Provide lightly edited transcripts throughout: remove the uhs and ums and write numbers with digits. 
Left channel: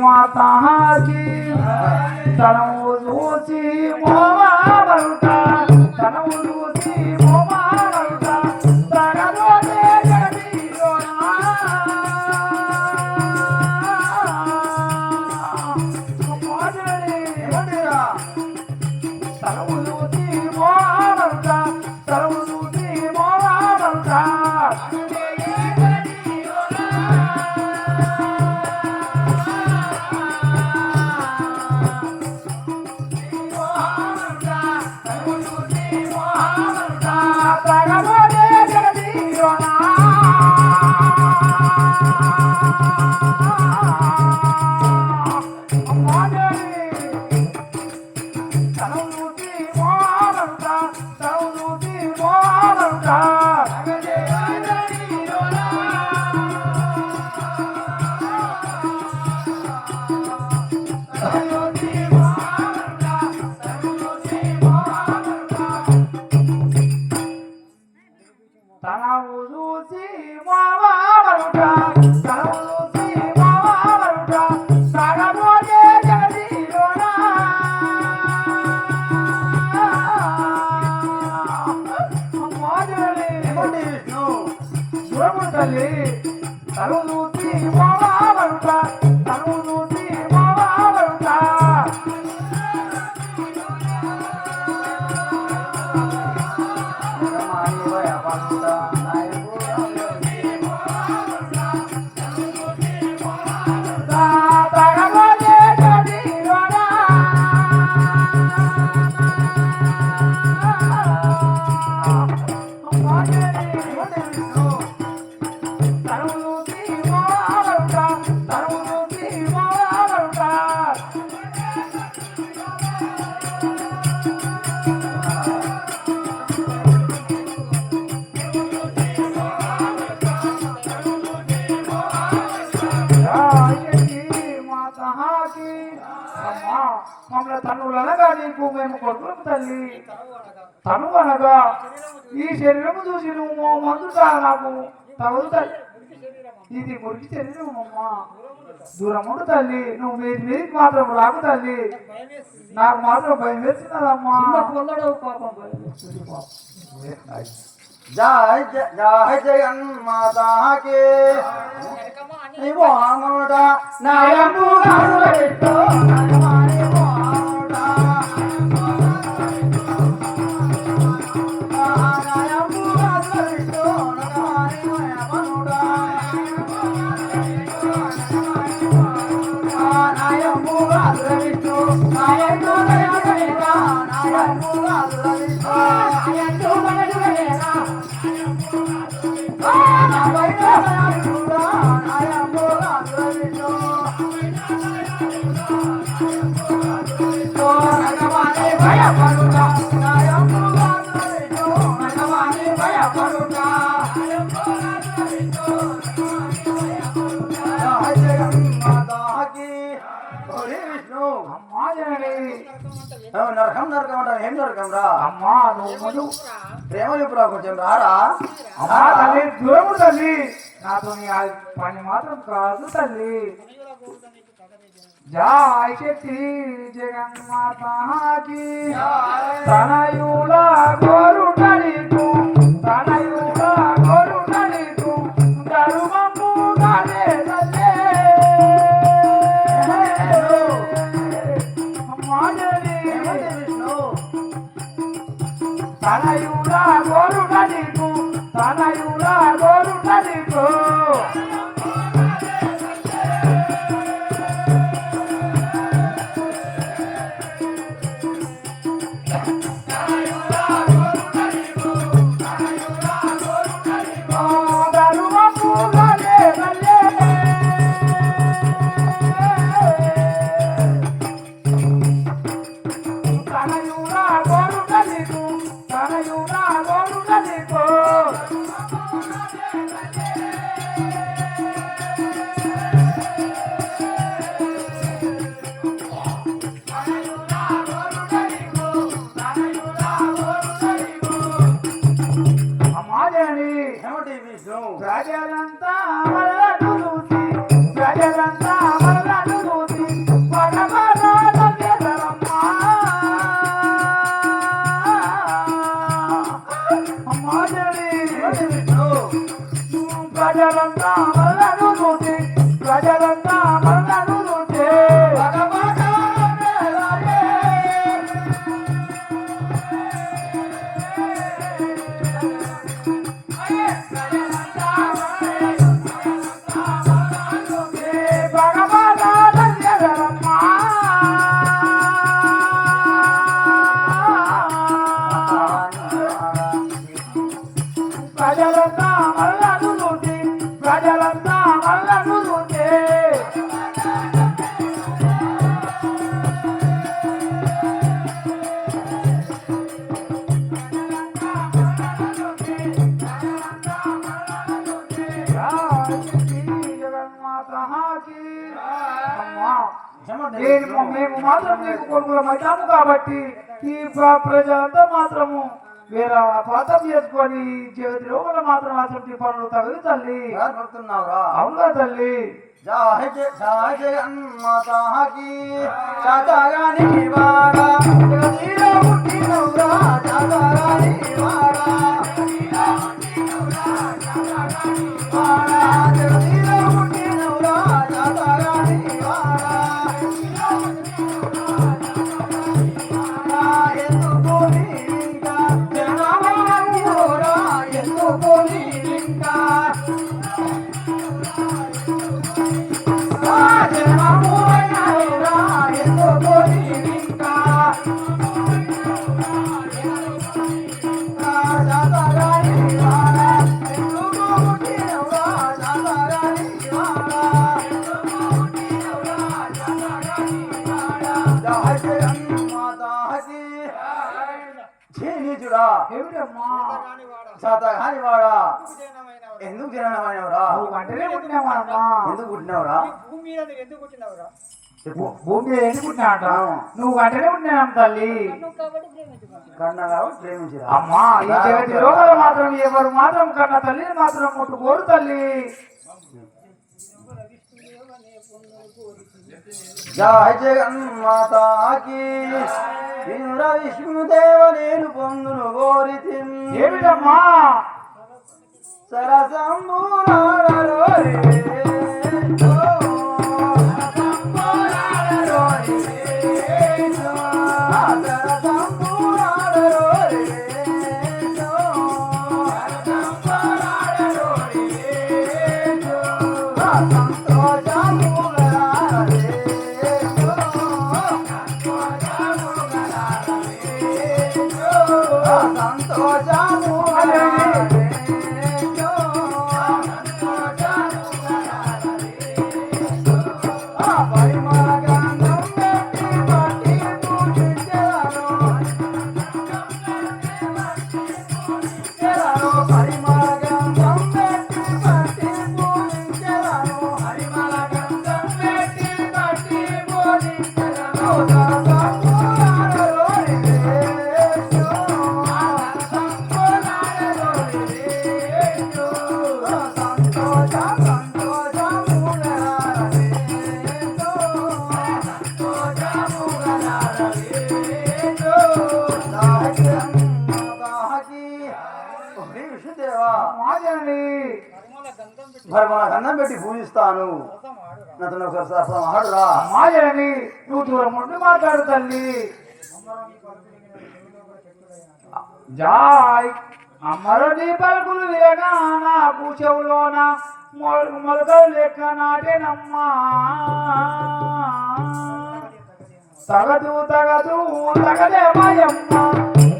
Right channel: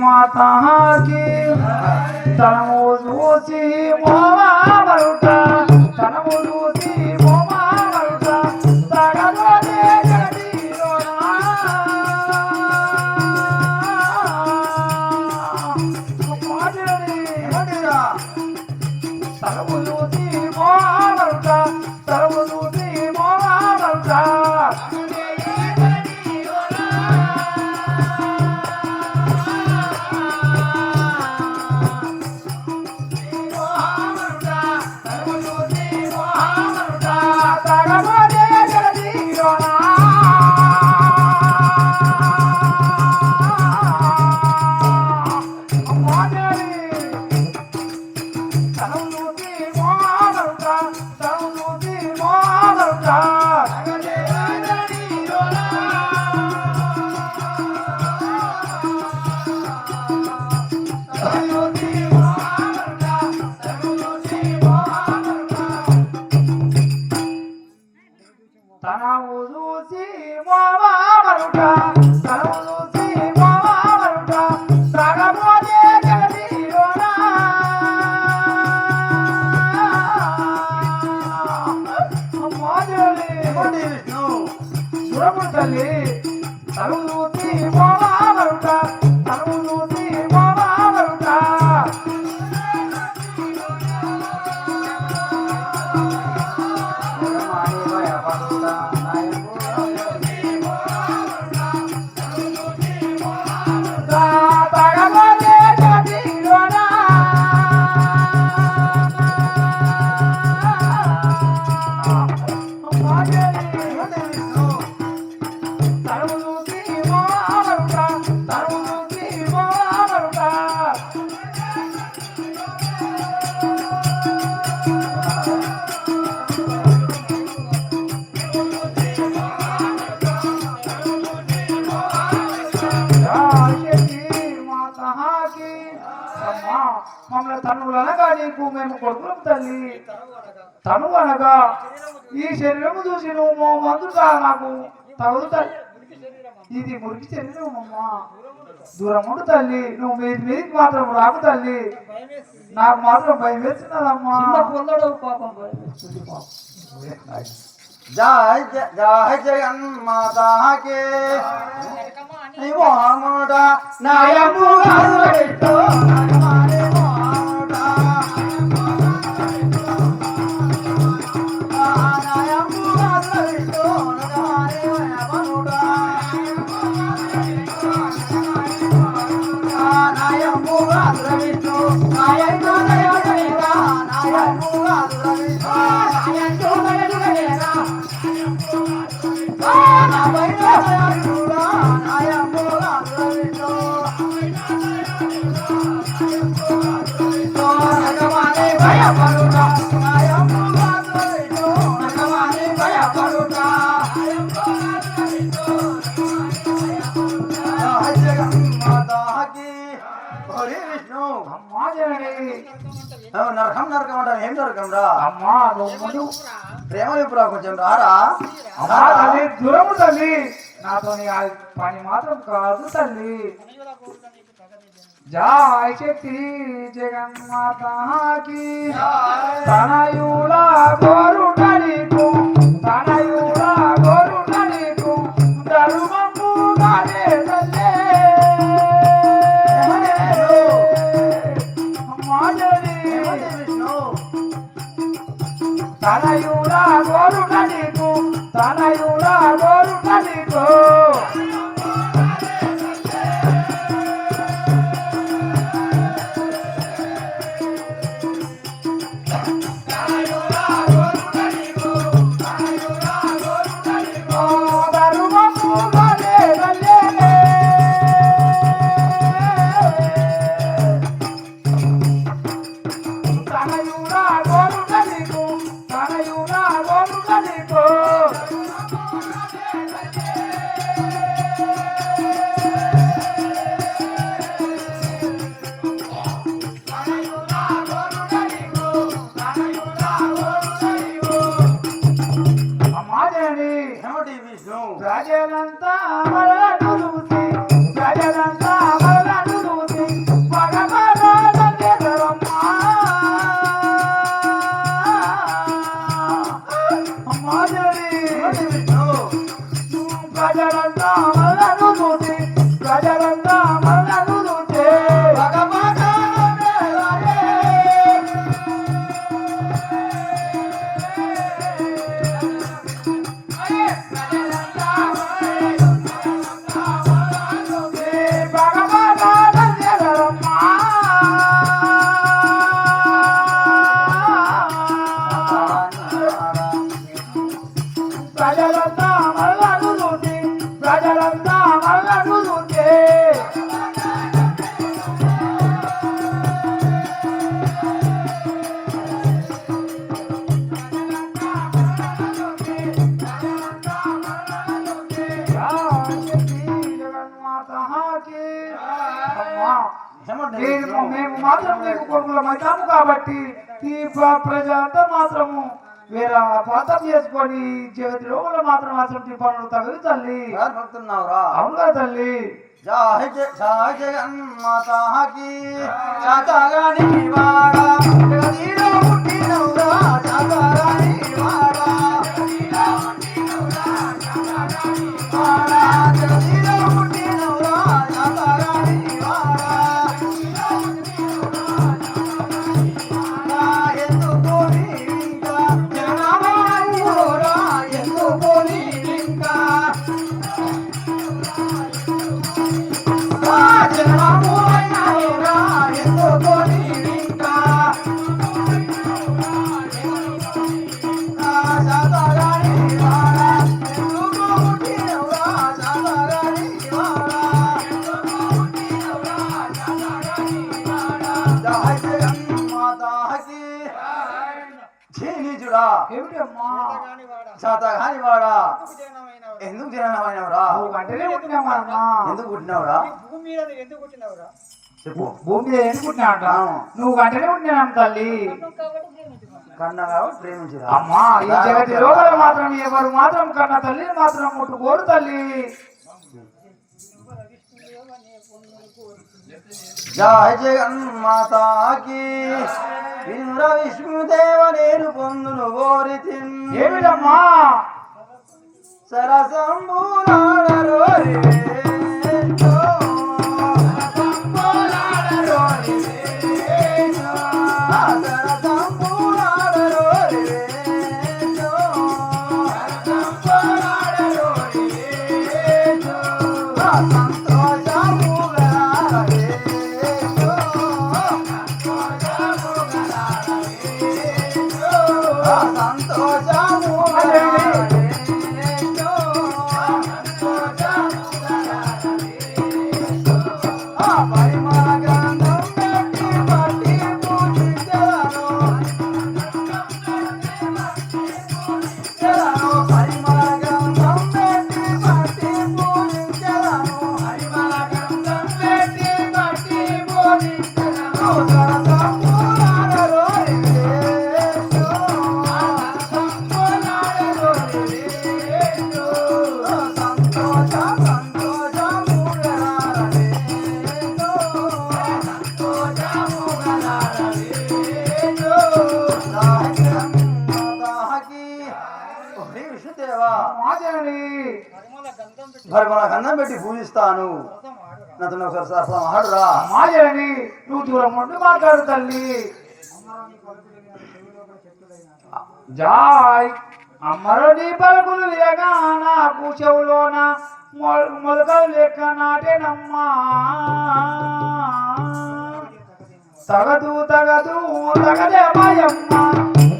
మాతాకి తనము చూసి మోమామరుట తనము చూసి మోమామరుట తగలనే గడిలోనా తనము చూసి మోమామరుట తనము చూసి మోమామరుట తను అనగా ఈ శరీరము చూసి నువ్వు మందుగా నాకు తగదు తల్లి ఇది మురికి శరీరం అమ్మా దూరం ఉండు తల్లి నువ్వు మీదికి మాత్రం రాకు తల్లి నాకు మాత్రం భయం వేస్తున్నదమ్మా పాపం జయ జయ జగన్మాతాకి నయము నరకం నరకం అంటారు ఏం నరకం రా ప్రేమ ఇప్పుడు కొంచెం రారా దూరము తల్లి నాతో పని మాత్రం కాదు తల్లి జయ శక్తి జగన్మాతాకి తనయుల గోరుటలికు తనయుల గోరుటలికు ధర్మము గానే తల్లే తనయుల గోరుటలికు తనయుల గోరుటలికు మేము మాత్రం నీకు కొడుకులం అవుతాము కాబట్టి ఈ ప్రజలంతా మాత్రము వేరే పాతం చేసుకొని జీవిత లోపల మాత్రం అసలు పనులు తగదు తల్లి. భక్తున్నావురా అవునా తల్లి? జగన్మాతాకి చాతగాని వాడా జగదీలో పుట్టినవురా చాతగాని వాడా జగదీలో పుట్టినవురా చాతగాని వాడా జగదీలో పుట్టినవురా చాతగాని వాడా ఎందుకు నీవింకా జనమాయురా ఎందుకు నీవింకా శాతగాని వాడా ఎందుకు జనమైనవరా ఎందుకు పుట్టినవరా భూమి మీద ఎందుకు పుట్టినవరా చెప్పు భూమి మీద ఎందుకు పుట్టినాట? నువ్వు గంటనే పుట్టినాం తల్లి. కాబట్టి ప్రేమించమన్నా కన్న కాబట్టి ప్రేమించిరా అమ్మా ఈ జగతి లోపల మాత్రం ఎవరు మాత్రం కన్న తల్లిని మాత్రం ముట్టుకోరు తల్లి. జయ జగన్మాతాకి వినుర విష్ణుదేవ నేను పొందును కోరితి ఏమిటమ్మా? సరసంబులాడరో రే గంధం పెట్టి పూజిస్తాను. నాతో ఒకసారి సరసం ఆడురా మాయని నువ్వు దూరం ఉండి మాట్లాడు తల్లి. జాయ్ అమ్మరుడి పలుకులు విరగా నాకు చెవులోన మొలకలు లెక్క నాటేనమ్మా. తగదు తగదు తగదే మాయమ్మ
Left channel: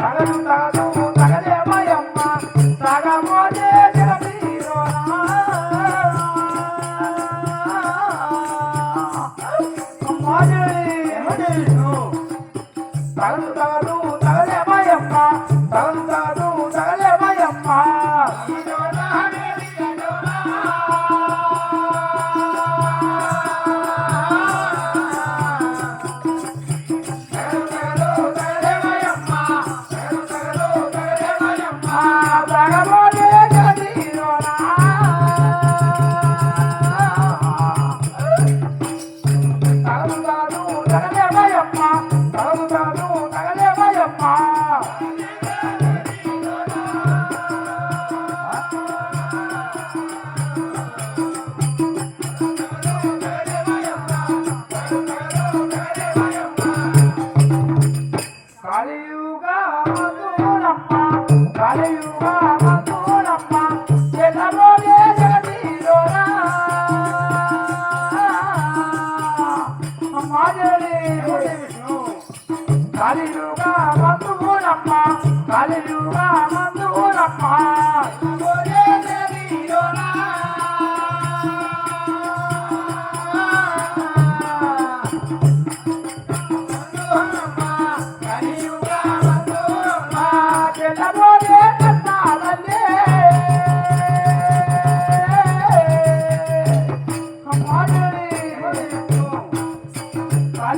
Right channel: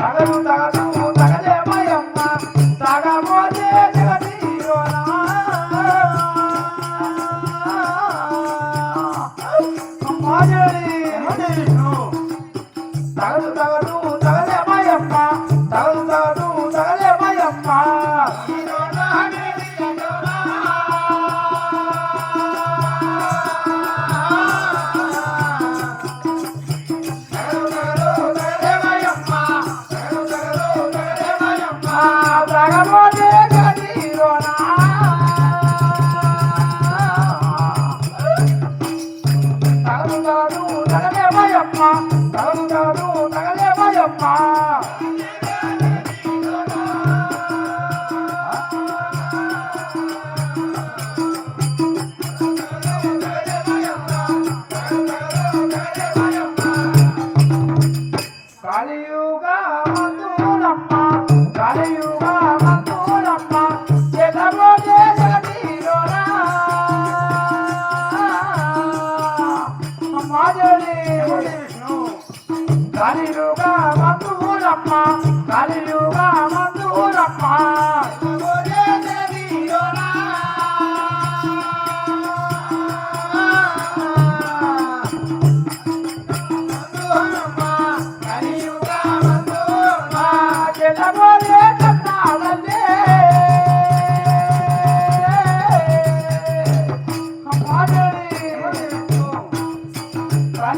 తగదు తగదు తగదే మాయమ్మ తగబోతే తగదు తగదు తగదే మాయమ్మ తగదు తగదు తగదే మాయమ్మ. తగదు తగదు తగదే మాయమ్మ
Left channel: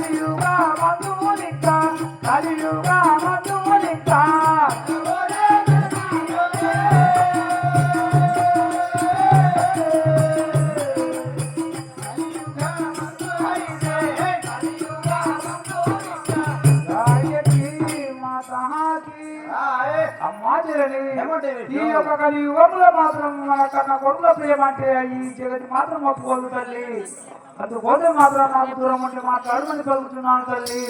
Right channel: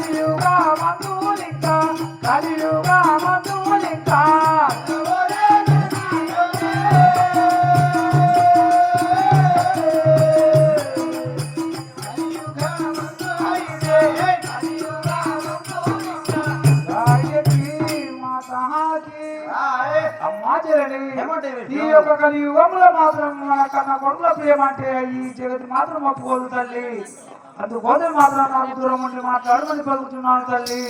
కలియుగ మందులింక కలియుగ మందులింక ఈ యొక్క కలియుగంలో మాత్రం నా కన్నా కొడుకుల ప్రేమ అంటే ఈ జగతి మాత్రం ఒప్పుకోదు తల్లి. అందుకోసం మాత్రం నాకు దూరం ఉంటే మాట్లాడమని పలుకుతున్నాను తల్లి.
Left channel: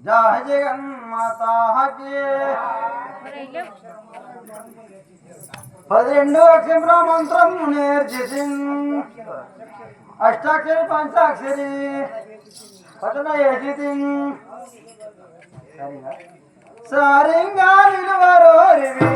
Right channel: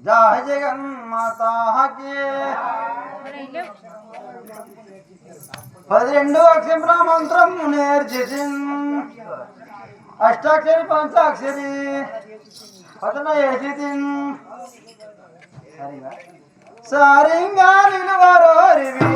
జయ జగన్మాత 12 అక్షర మంత్రం నేర్చేసి అష్టాక్షరి పంచాక్షరి పఠన చేసి సారింగా నిలవరోరివి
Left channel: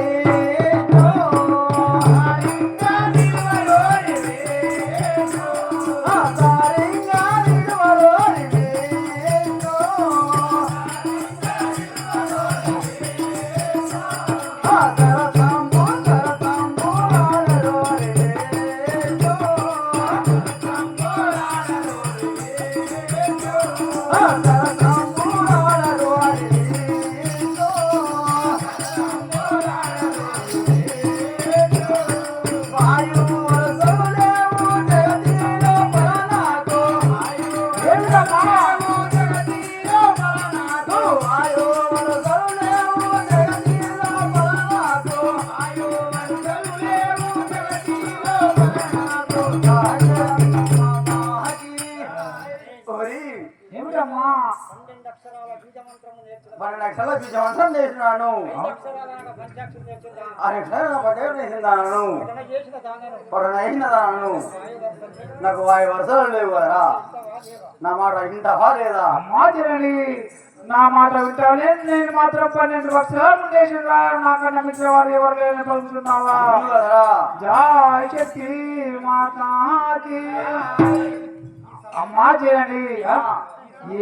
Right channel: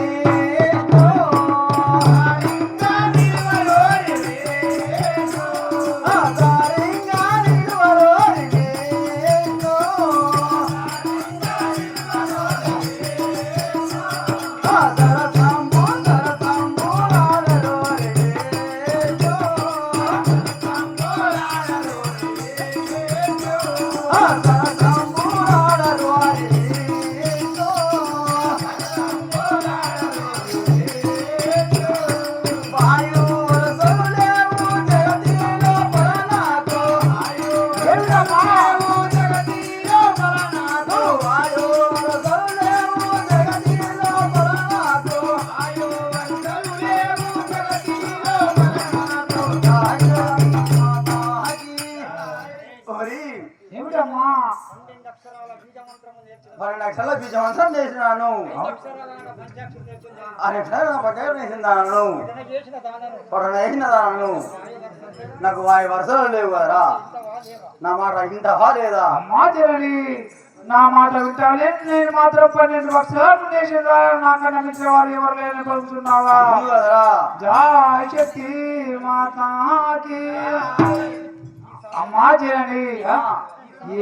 ఏమిటమ్మా 12 అక్షరాల బీజ మంత్రము నేర్చిన 12 అక్షరాల బీజ మంత్రం చేసినాను 5 అక్షరాలైన పంచాక్షరి నేర్చిన 6 అక్షరాల పటేలు చేసినాను పఠన చేసిన దానను పఠన చేసిన దానను వాయు వర్షం నాకు వాయు వరుసలు లేవు కదరా ఇంతవా లేవా నా మాట ఇంటవా లేదా అమ్మా జనని నా మాట వింటాలే నేను మాత్రం 12 అక్షరాలు చేసిందా నాకన్నా మించిన వారు ఎవరు లేదని పలుకుతున్నావా అవును కదరా జయ శక్తి మాతాకి అమ్మా జనని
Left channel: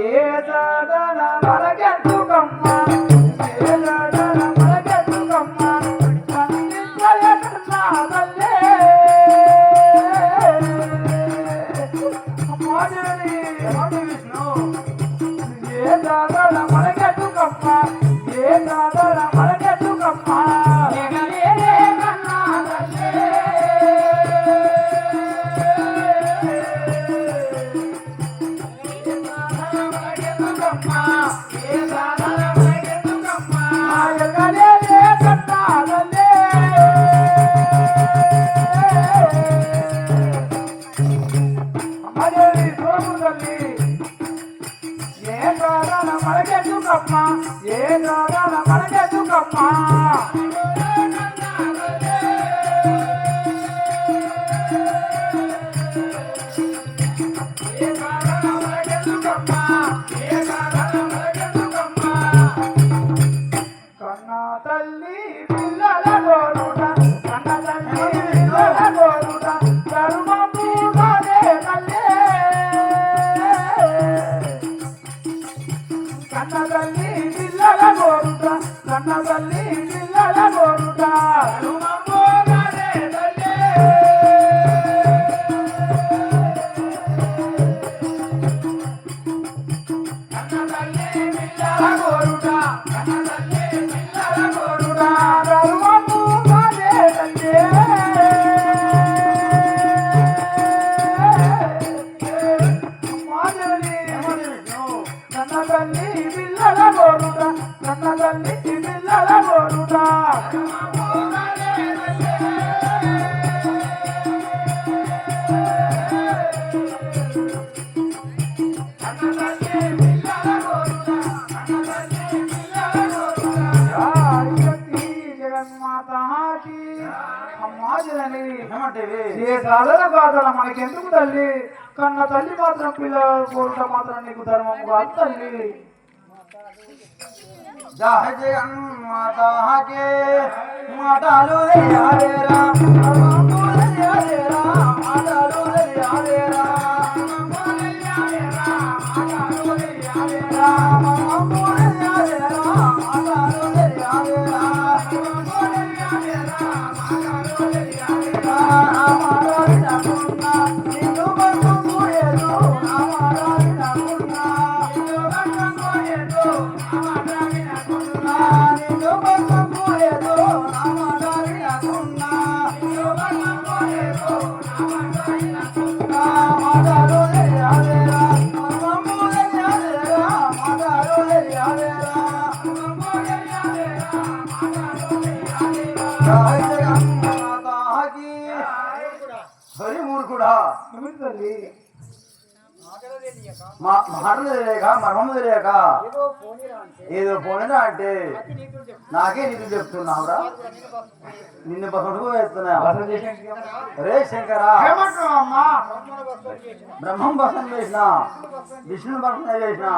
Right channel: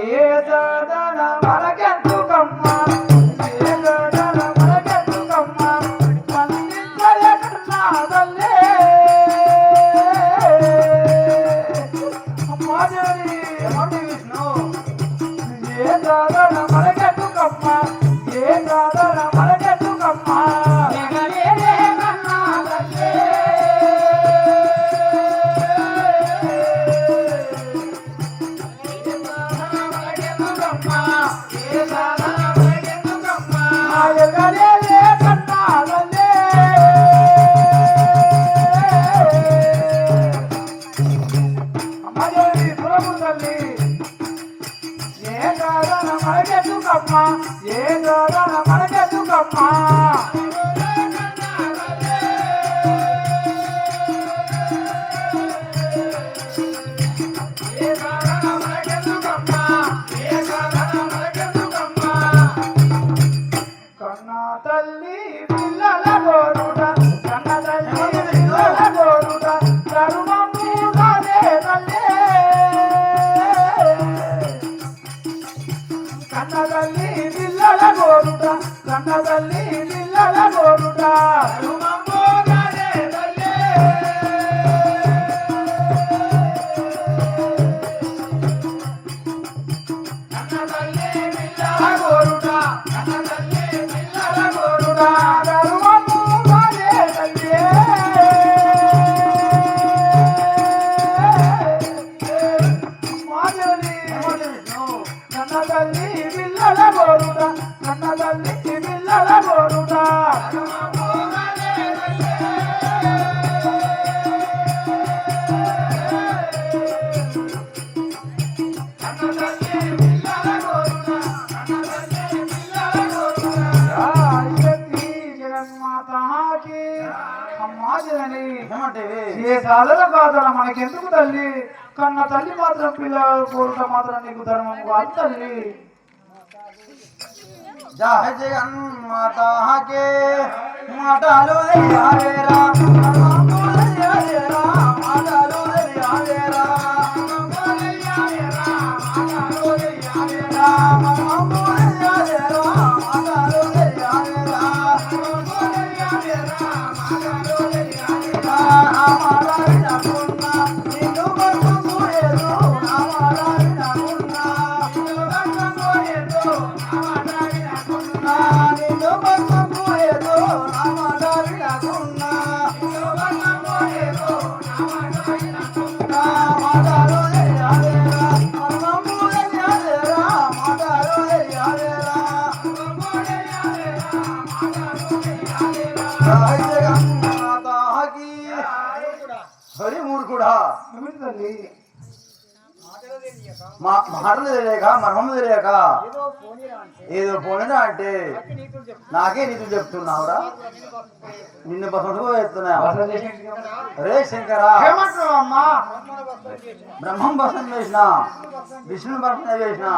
ఏ సాధన మనకెందుకమ్మ ఏ సాధన మనకెందుకమ్మ మన్నించయ కృష్ణ తల్లే అమ్మా జనని ఏమంటే విష్ణు ఏ సాధన మనకెందుకమ్మ ఏ సాధన మనకెందుకమ్మ నిగలేదే కన్నా తల్లే ఏ సాధన కాదన మనకెందుకు తల్లి కన్న తల్లి మాత్రం పిల్లల కోరిక మాత్రం నీకు ధర్మం కాదు తల్లి జయ జగన్మాత మాటలు యావేరా మాటలు యావేరా ఒరి మూర్ఖుడా ఏమిటి తల్లి మాటలో తెలియక మాటలు తెలియక మర్మము తెలియక ఏదో పోనీరా అంటే ఏదో పోయినా అంటే నాకు నీతులు చెప్తా నాకే నీతులు చెప్తున్నావురా నిన్ను బస్సు నిన్ను బసంతో చెప్తున్నా అసలు చేసేంటి రే శంకరా ఏమంటున్నావు అమ్మా బ్రహ్మణ బస్సు చేసిన బ్రహ్మం భస్మం చేసిన బస్సు విష్ణుని భస్మం చేసిన